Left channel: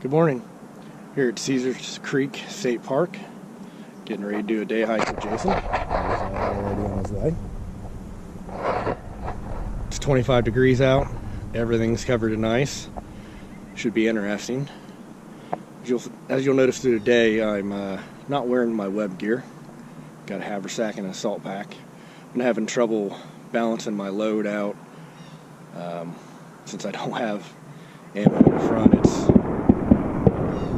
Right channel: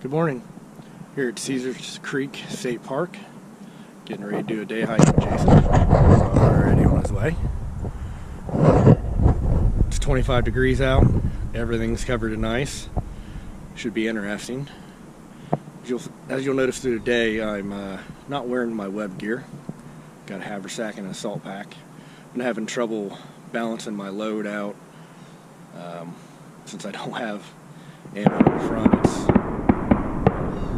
Good morning. Here at Caesars Creek State Park, getting ready to do a day hike with Jason. He's already on his way. It's 25 degrees out. Everything's covered in ice. Should be interesting. As you'll notice through the day, I'm not wearing my web gear. Got a haversack and a salt pack. I'm having trouble balancing my load out. Since I don't have ammo in the front, it's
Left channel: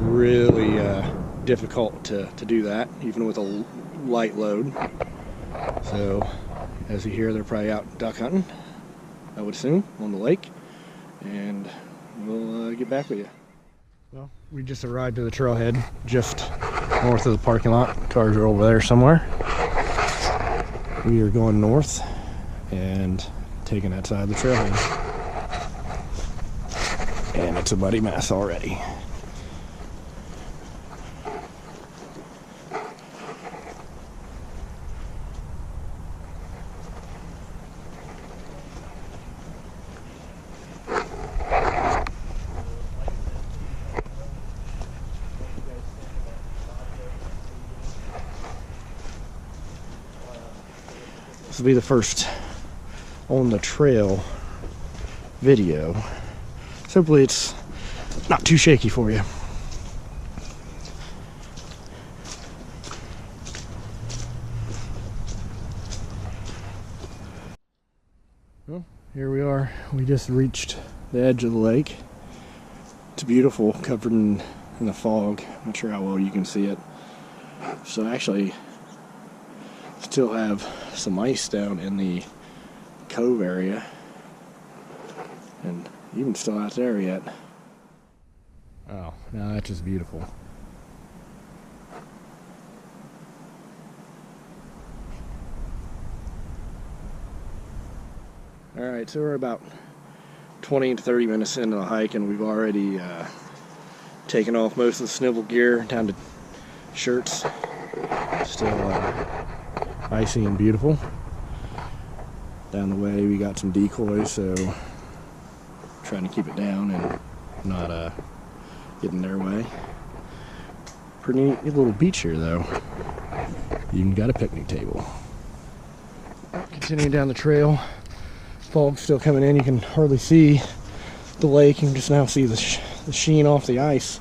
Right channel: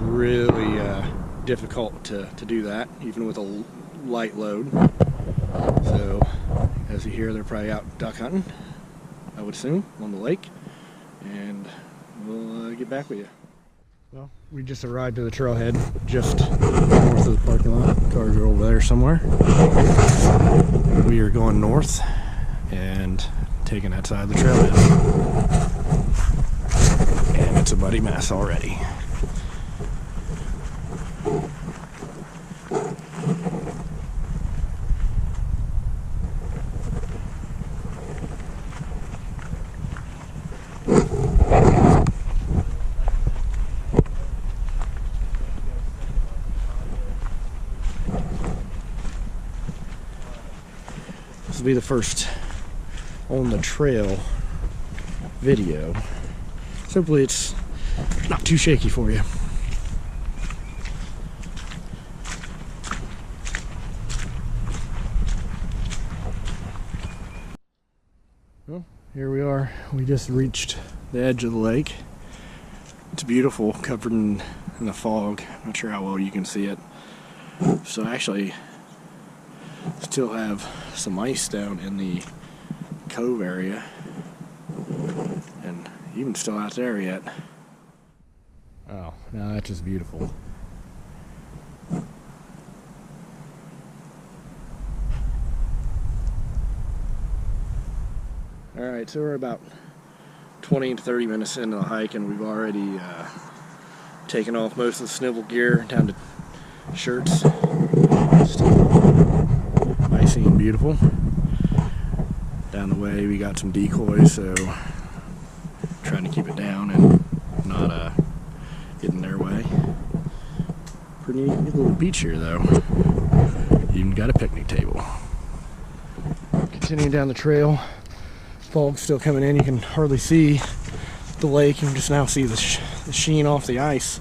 really difficult to do that, even with a light load. So, as you hear, they're probably out duck hunting, I would assume, on the lake. And we'll get back with you. Well, we just arrived at the trailhead, just north of the parking lot. Cars are over there somewhere. We are going north and taking that side of the trailhead. And it's a muddy mess already. This will be the first on the trail video. So hopefully it's not too shaky for you. Well, here we are. We just reached the edge of the lake. It's beautiful, covered in the fog. Not sure how well you can see it. So actually still have some ice down in the cove area, and even still out there yet. Oh, now that's just beautiful. Alright, so we're about 20 to 30 minutes into the hike, and we've already taken off most of the snivel gear down to shirts. Still icy and beautiful. Down the way we got some decoys, so trying to keep it down and not get in their way. Pretty neat little beach here though. Even got a picnic table. Continuing down the trail, fog's still coming in. You can hardly see the lake. You can just now see the sheen off the ice.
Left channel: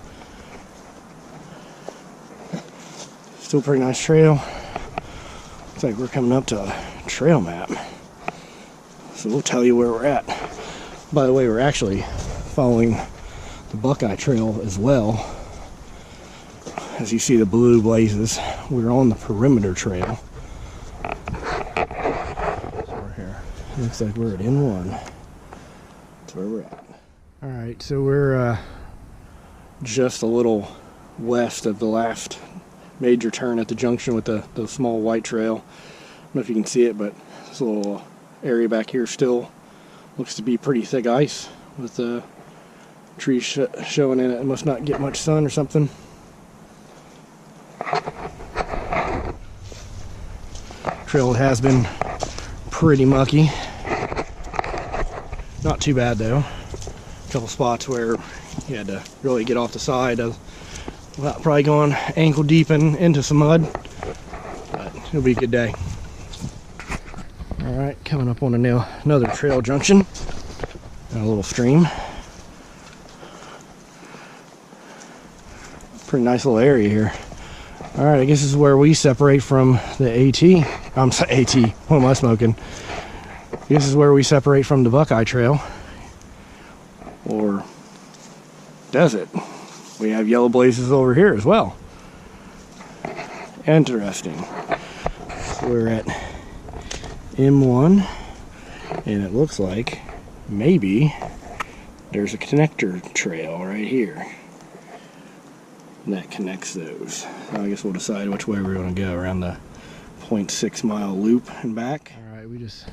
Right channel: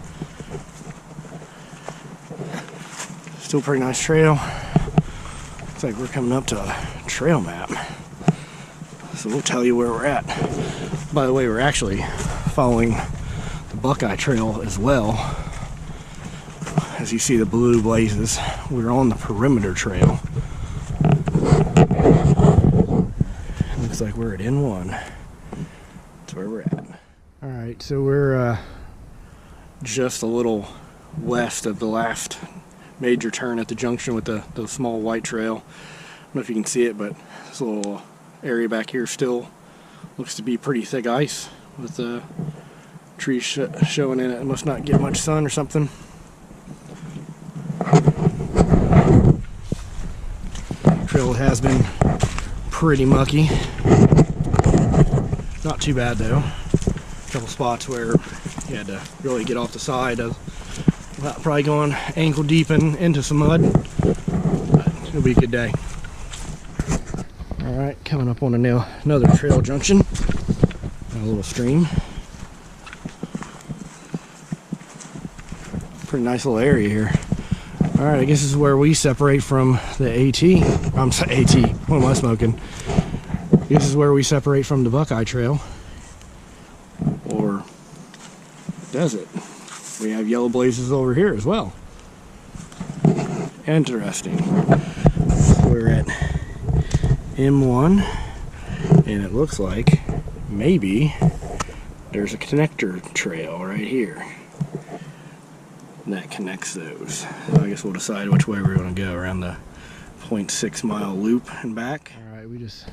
Still a pretty nice trail. Looks like we're coming up to a trail map. So we'll tell you where we're at. By the way, we're actually following the Buckeye Trail as well. As you see the blue blazes, we're on the perimeter trail. So we're here. It looks like we're at N1. That's where we're at. Alright, so we're just a little west of the last major turn at the junction with the small white trail. I don't know if you can see it, but this little area back here still looks to be pretty thick ice with the trees showing in it. It must not get much sun or something. Trail has been pretty mucky. Not too bad though. A couple spots where you had to really get off the side without probably going ankle deep into some mud, but it'll be a good day. Alright, coming up on another trail junction, a little stream. Pretty nice little area here. Alright, I guess this is where we separate from the AT. I'm sorry, AT, what am I smoking? This is where we separate from the Buckeye Trail. Or does it? We have yellow blazes over here as well. Interesting. So we're at M1, and it looks like maybe there's a connector trail right here that connects those. So I guess we'll decide which way we're going to go, around the 0.6 mile loop and back. Alright, we just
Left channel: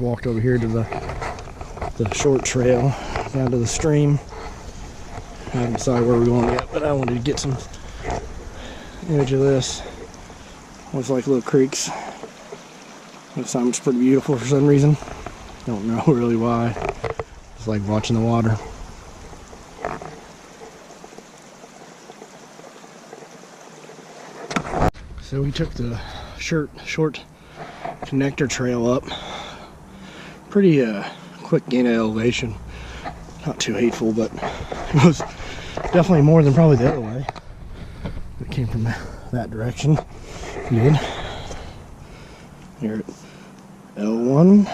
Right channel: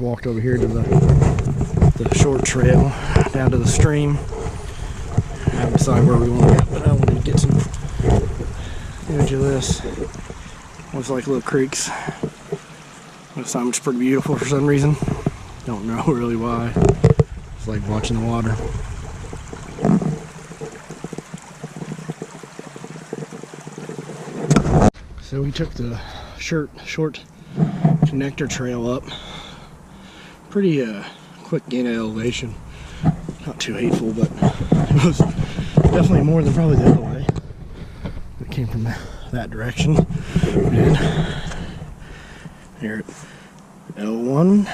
walked over here to the short trail down to the stream. I haven't decided where we want to get, but I wanted to get some image of this. Looks like little creeks. This time it's pretty beautiful for some reason. Don't know really why. It's like watching the water. So we took the short connector trail up. Pretty quick gain of elevation. Not too hateful, but it was definitely more than probably the other way. It came from that direction. We did. Here at L1,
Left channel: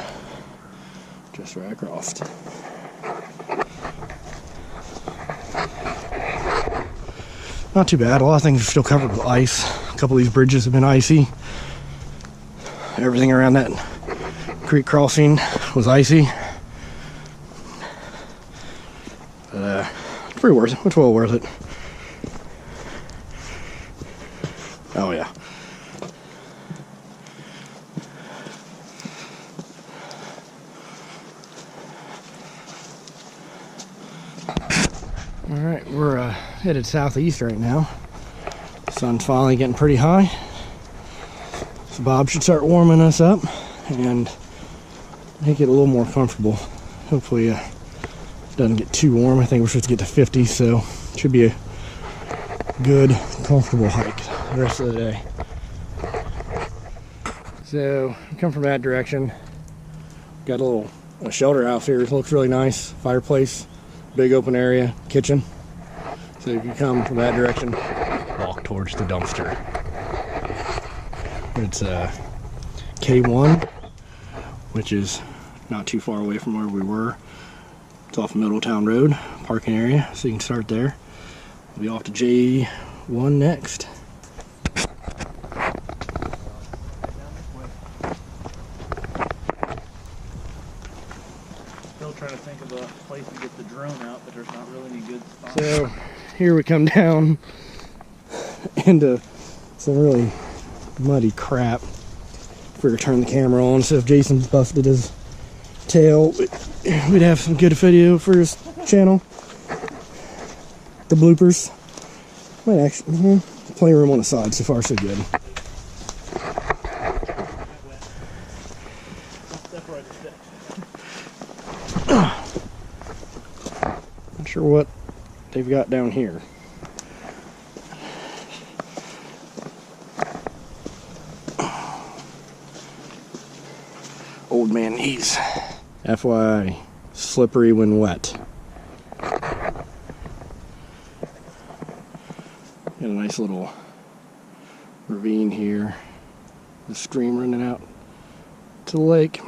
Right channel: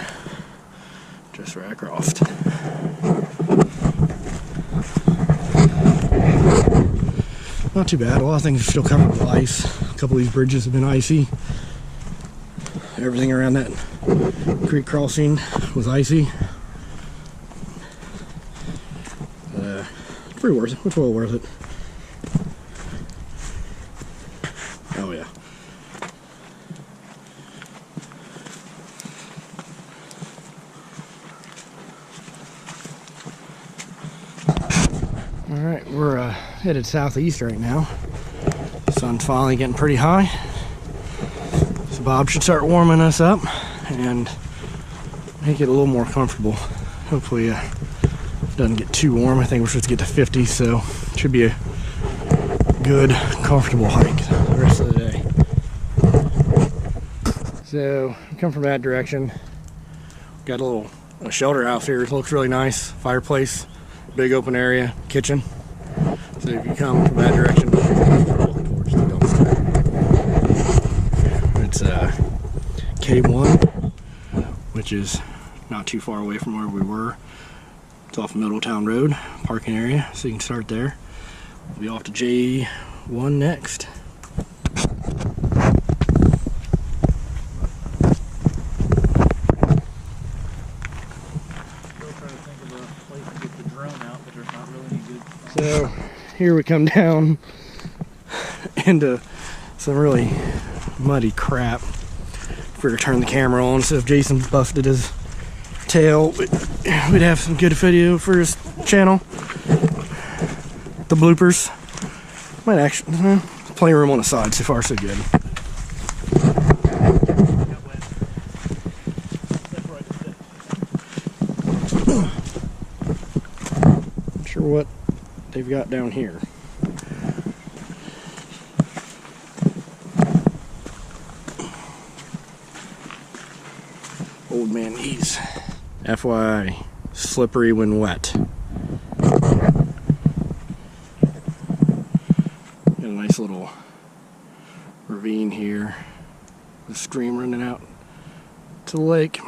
just right across. Not too bad. A lot of things are still covered with ice. A couple of these bridges have been icy. Everything around that creek crossing was icy. But it's pretty worth it. It's well worth it. Oh yeah. Alright, we're headed southeast right now. The sun's finally getting pretty high. So Bob should start warming us up and make it a little more comfortable. Hopefully it doesn't get too warm. I think we're supposed to get to 50, so it should be a good, comfortable hike the rest of the day. So, come from that direction. Got a shelter house here. It looks really nice. Fireplace. Big open area, kitchen. So if you come from that direction, walk towards the dumpster. It's K1, which is not too far away from where we were. It's off Middletown Road, parking area, so you can start there. We'll be off to J1 next. Trying to think of a place to get the drone out, but there's not really any good spots. So here we come down into some really muddy crap. If we were to turn the camera on, so if Jason busted his tail, we'd have some good video for his channel. The bloopers. Might actually, plenty of room on the side, so far so good. Not sure what they've got down here. Old man knees. FYI, slippery when wet. Got a nice little ravine here. The stream running out to the lake.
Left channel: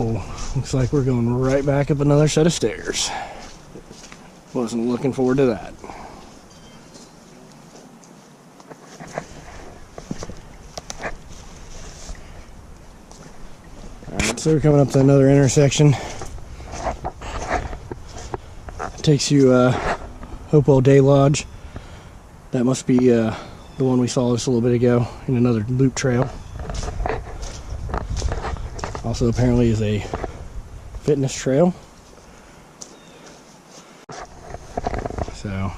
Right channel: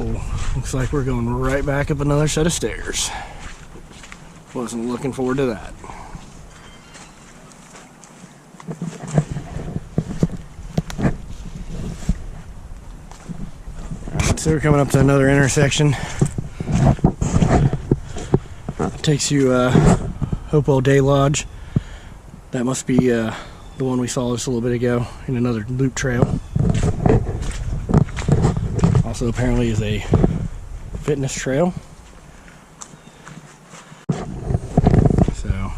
Oh, looks like we're going right back up another set of stairs. Wasn't looking forward to that. Alright, so we're coming up to another intersection. Takes you Hopewell Day Lodge. That must be the one we saw just a little bit ago in another loop trail. Also apparently is a fitness trail. So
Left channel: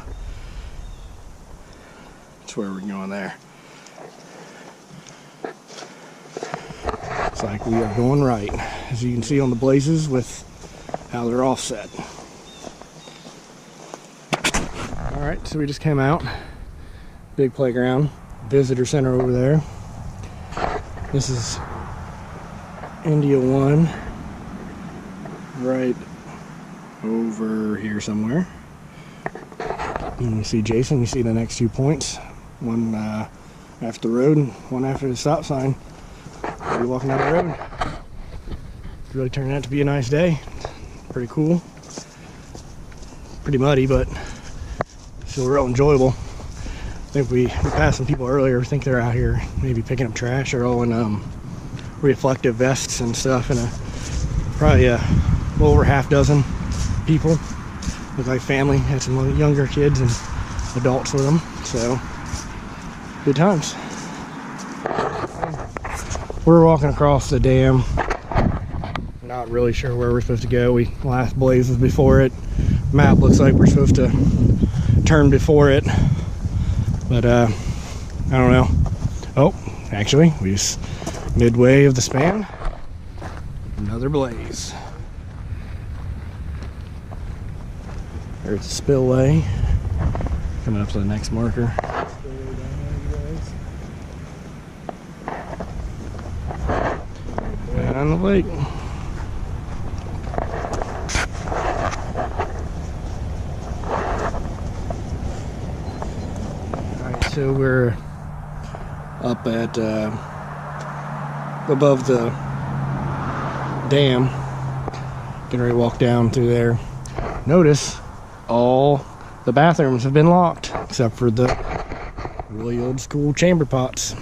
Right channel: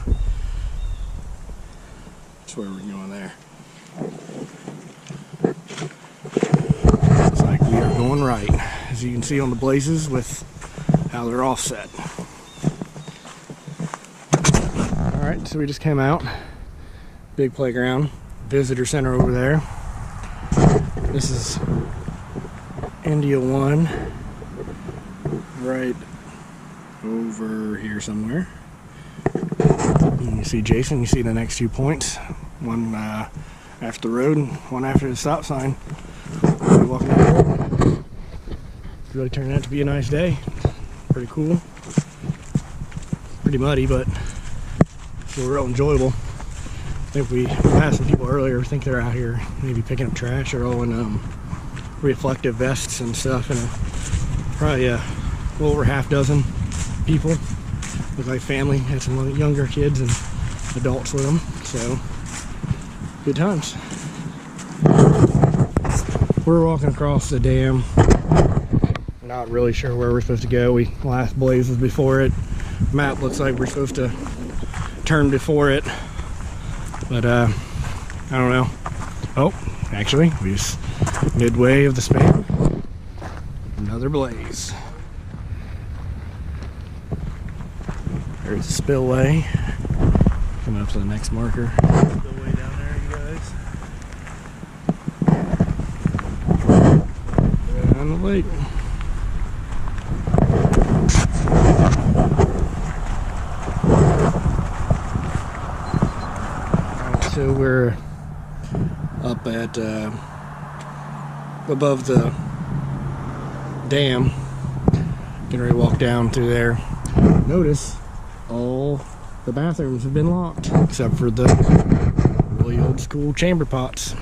that's where we're going there. Looks like we are going right, as you can see on the blazes with how they're offset. Alright, so we just came out. Big playground, visitor center over there. This is India 1 right over here somewhere. And you see Jason, you see the next 2 points. One after the road, one after the stop sign. We'll be walking down the road. It's really turned out to be a nice day. Pretty cool. Pretty muddy, but still real enjoyable. I think we passed some people earlier. I think they're out here maybe picking up trash or all in reflective vests and stuff, and probably a little over half dozen people. Look like family, had some younger kids and adults with them, so good times. We're walking across the dam. Not really sure where we're supposed to go. Last blaze was before it. Map looks like we're supposed to turn before it, but I don't know. Oh, actually, we just midway of the span. Another blaze. There's a spillway. Coming up to the next marker. Spillway down there, you guys. On the lake. Alright, so we're up at above the dam. Getting ready to walk down through there. Notice all the bathrooms have been locked except for the really old school chamber pots.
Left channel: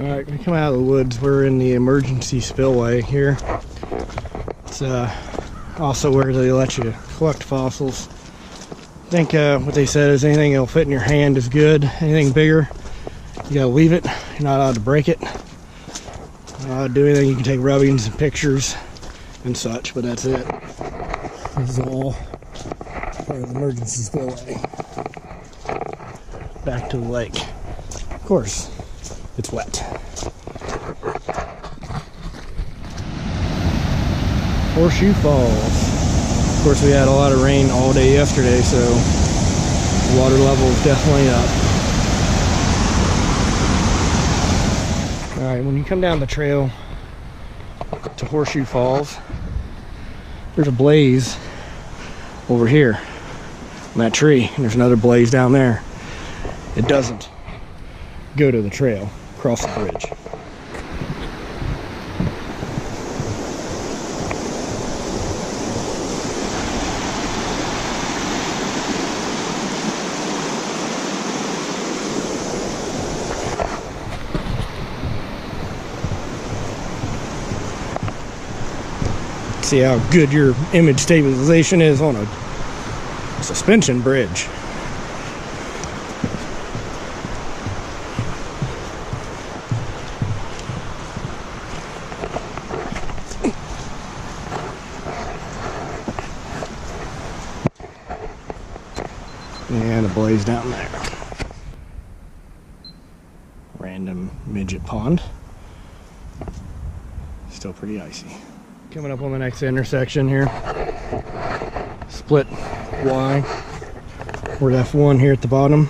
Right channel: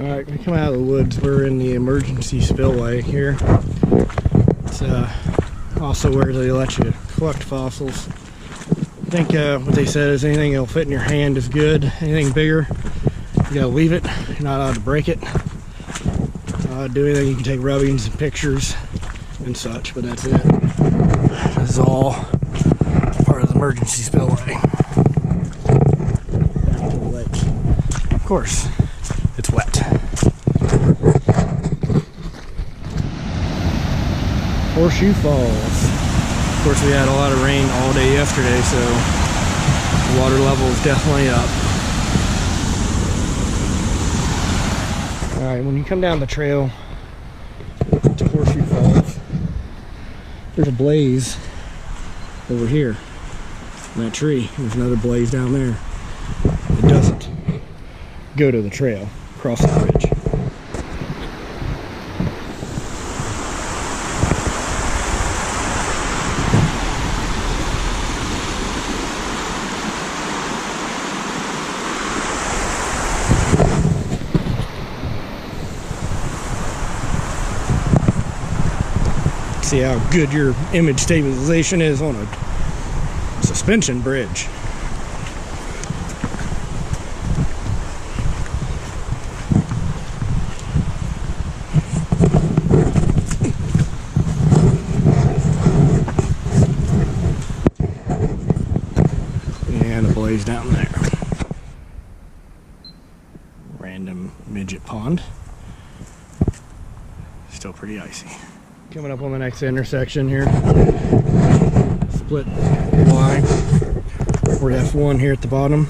Alright, we come out of the woods. We're in the emergency spillway here. It's also where they let you collect fossils. I think what they said is anything that'll fit in your hand is good. Anything bigger, you gotta leave it. You're not allowed to break it. Do anything, you can take rubbings and pictures and such, but that's it. This is all part of the emergency spillway. Back to the lake. Of course, it's wet. Horseshoe Falls. Of course, we had a lot of rain all day yesterday, so the water level is definitely up. Alright, when you come down the trail to Horseshoe Falls, there's a blaze over here in that tree, and there's another blaze down there. It doesn't go to the trail, cross the bridge. See how good your image stabilization is on a suspension bridge. And a blaze down there. Random midget pond. Still pretty icy. Coming up on the next intersection here. Split Y. We're at F1 here at the bottom.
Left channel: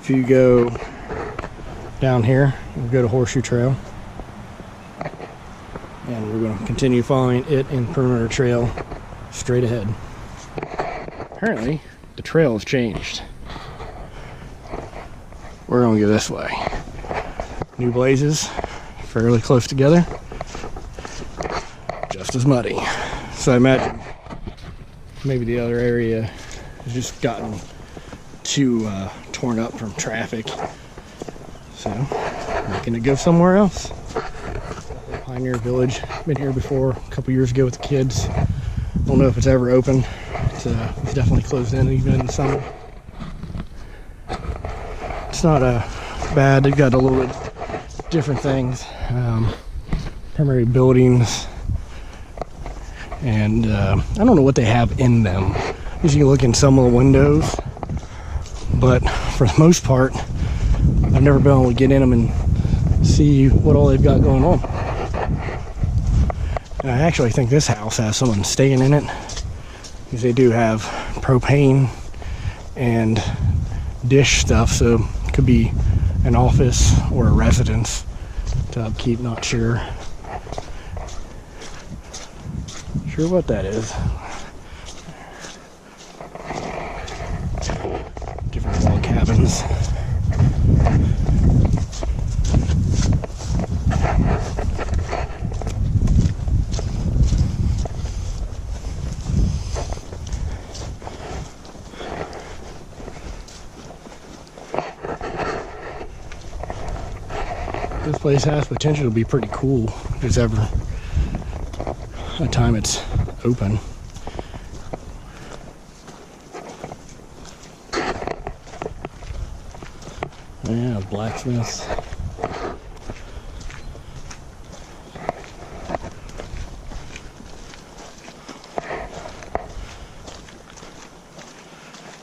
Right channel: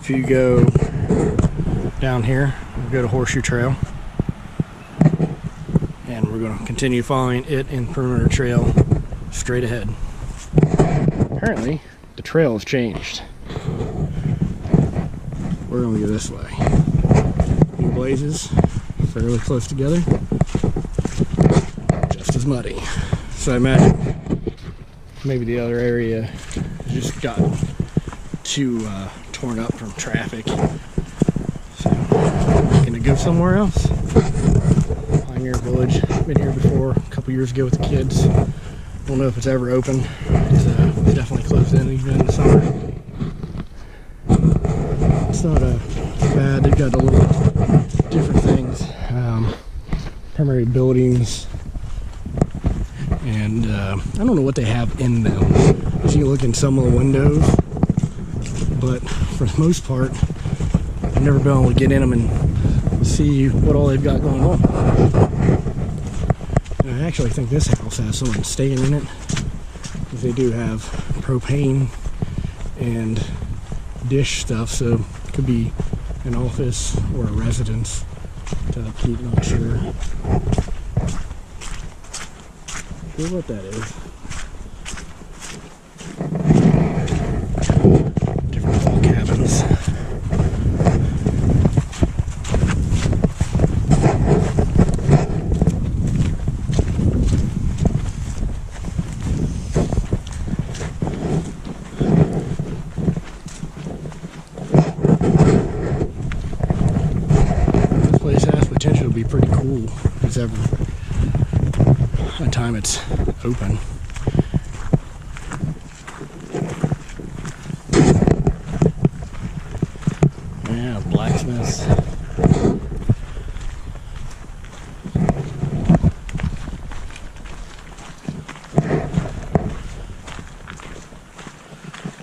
If you go down here, we'll go to Horseshoe Trail. And we're going to continue following it in Perimeter Trail straight ahead. Apparently, the trail has changed. We're going to go this way. New blazes, fairly close together. Just as muddy. So I imagine maybe the other area has just gotten too torn up from traffic. So I'm gonna go somewhere else. Pioneer Village. Been here before a couple years ago with the kids. Don't know if it's ever open. It's definitely closed in even in the summer. It's not bad. They've got a little bit different things. Primary buildings. And I don't know what they have in them. As you can look in some of the windows, but for the most part, I've never been able to get in them and see what all they've got going on. And I actually think this house has someone staying in it, because they do have propane and dish stuff, so it could be an office or a residence to upkeep, not sure. Sure what that is. Different log cabins. place has potential to be pretty cool if it's ever a time it's open. Yeah, blacksmiths.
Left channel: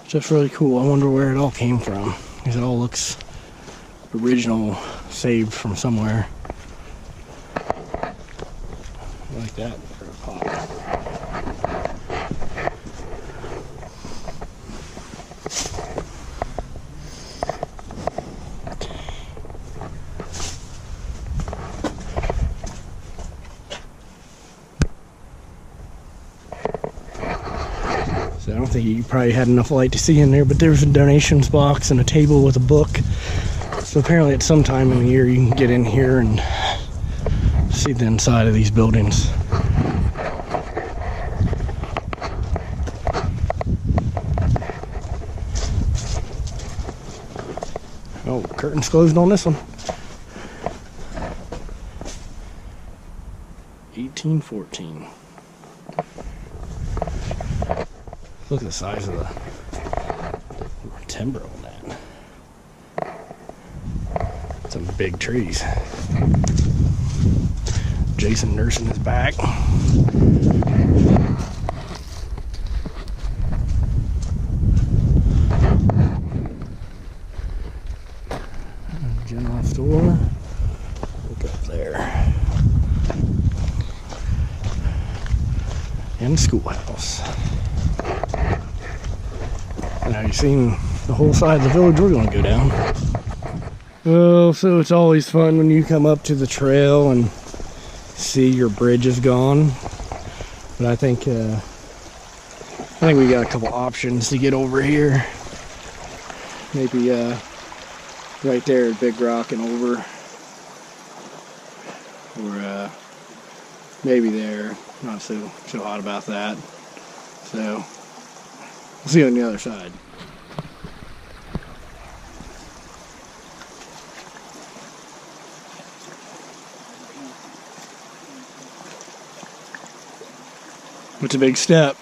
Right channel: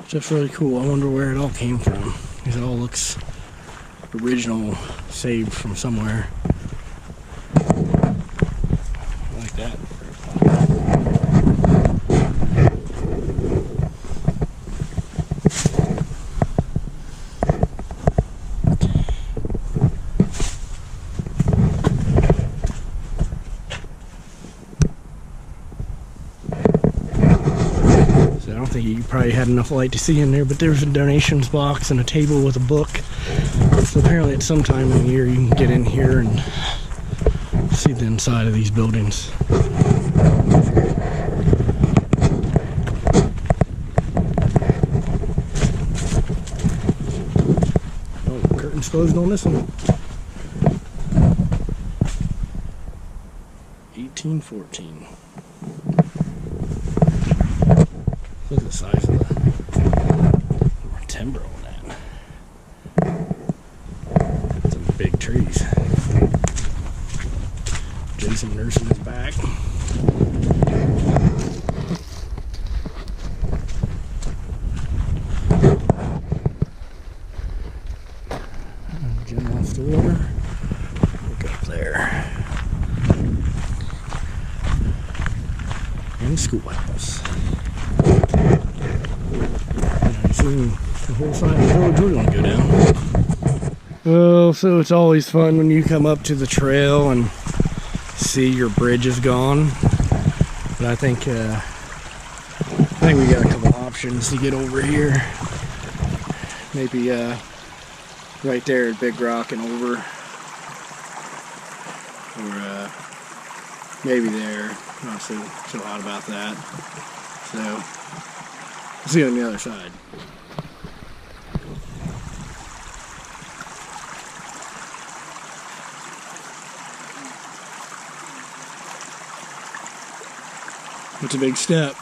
Just really cool. I wonder where it all came from, because it all looks original, saved from somewhere. I like that for a pop. So I don't think you probably had enough light to see in there, but there's a donations box and a table with a book. So apparently at some time in the year you can get in here and see the inside of these buildings. Oh, curtains closed on this one. 1814. Look at the size of the timber on that. Some big trees. Jason nursing his back. General store. Look up there. And schoolhouse. Now you've seen the whole side of the village we're going to go down. Well, so it's always fun when you come up to the trail and see your bridge is gone. But I think we got a couple options to get over here. Maybe right there at Big Rock and over, or maybe there. Not so hot about that. So we'll see you on the other side. It's a big step.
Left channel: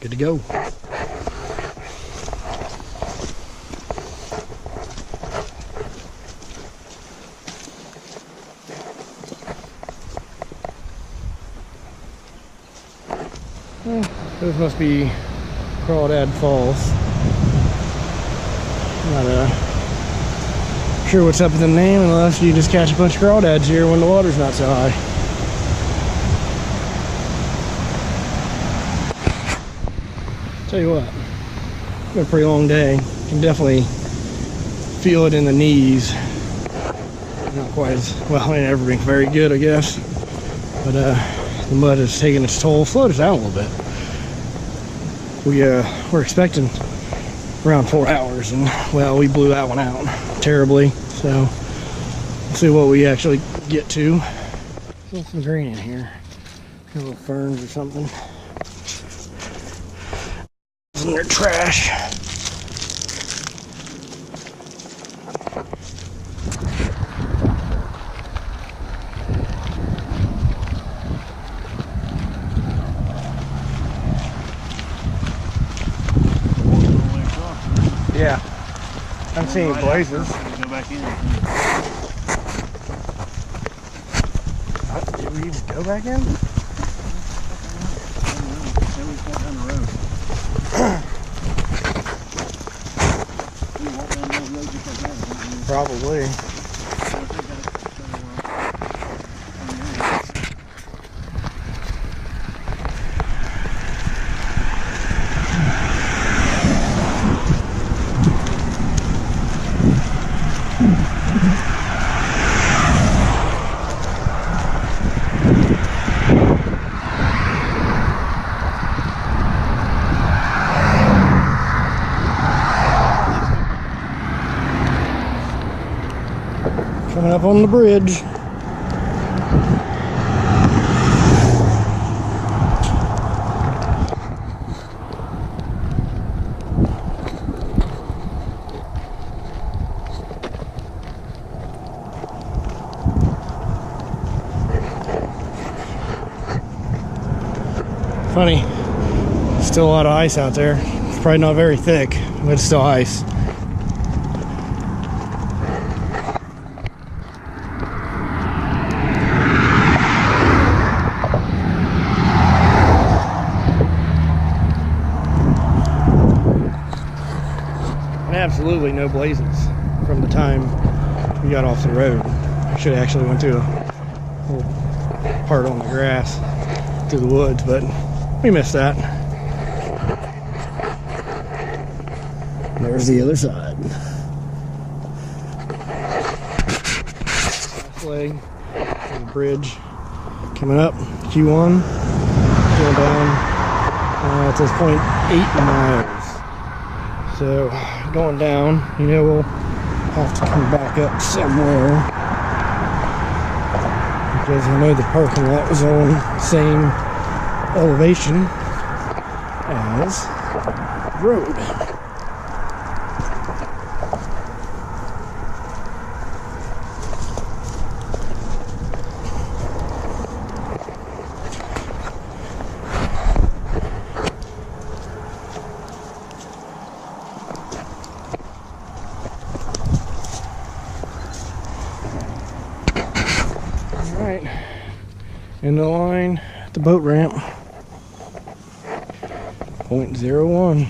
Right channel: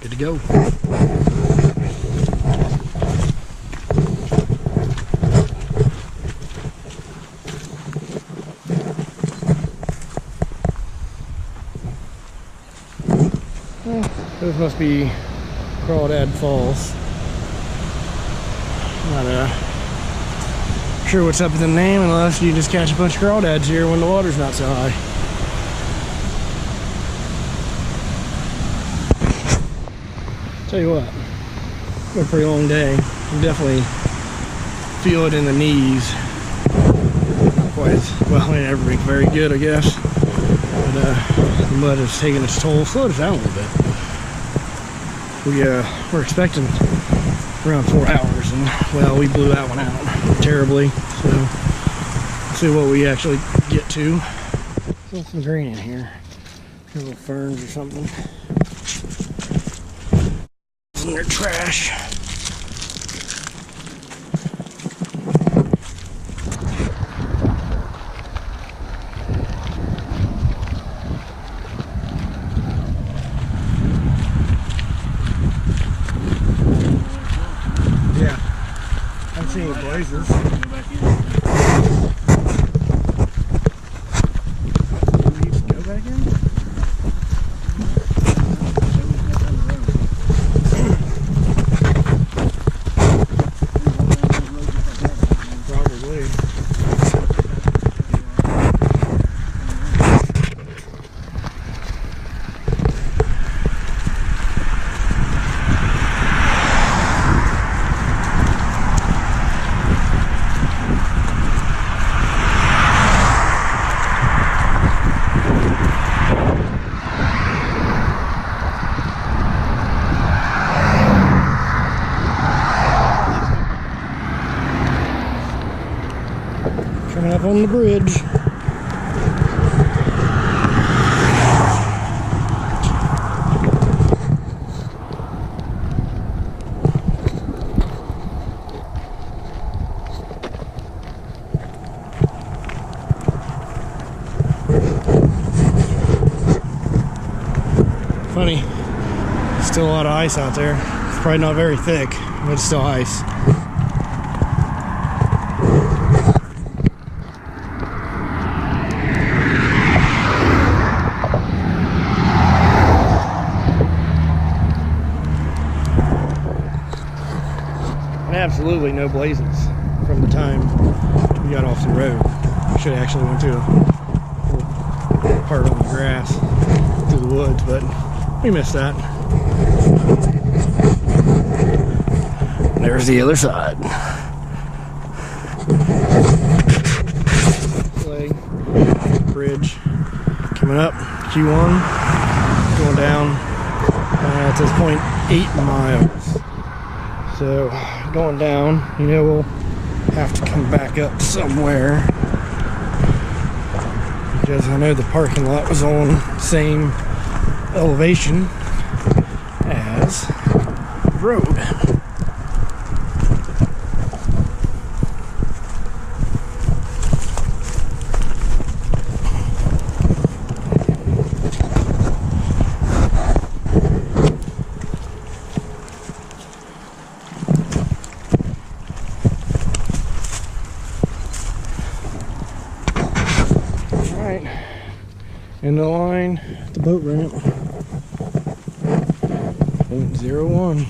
Good to go. Well, those must be Crawdad Falls. Not sure what's up with the name unless you just catch a bunch of crawdads here when the water's not so high. Tell you what, it's been a pretty long day. You can definitely feel it in the knees. Not quite as well, ain't ever been very good, I guess. But the mud has taken its toll. Slowed us down a little bit. We're expecting around 4 hours, and well, we blew that one out terribly. So let's see what we actually get to. Still some green in here. Little ferns or something. In their trash. Yeah, I'm seeing blazes. Go back in. Did we even go back in? Probably. Coming up on the bridge. Funny, still a lot of ice out there. It's probably not very thick, but it's still ice. And absolutely no blazes from the time we got off the road. Should have actually went to a little part on the grass through the woods, but we missed that. And there's the other side. Leg, bridge, coming up, Q1, going down at this point 8 miles. So going down, you know, we'll have to come back up somewhere, because I know the parking lot was on the same elevation as the road. All right, end of the line at the boat ramp. 0.01.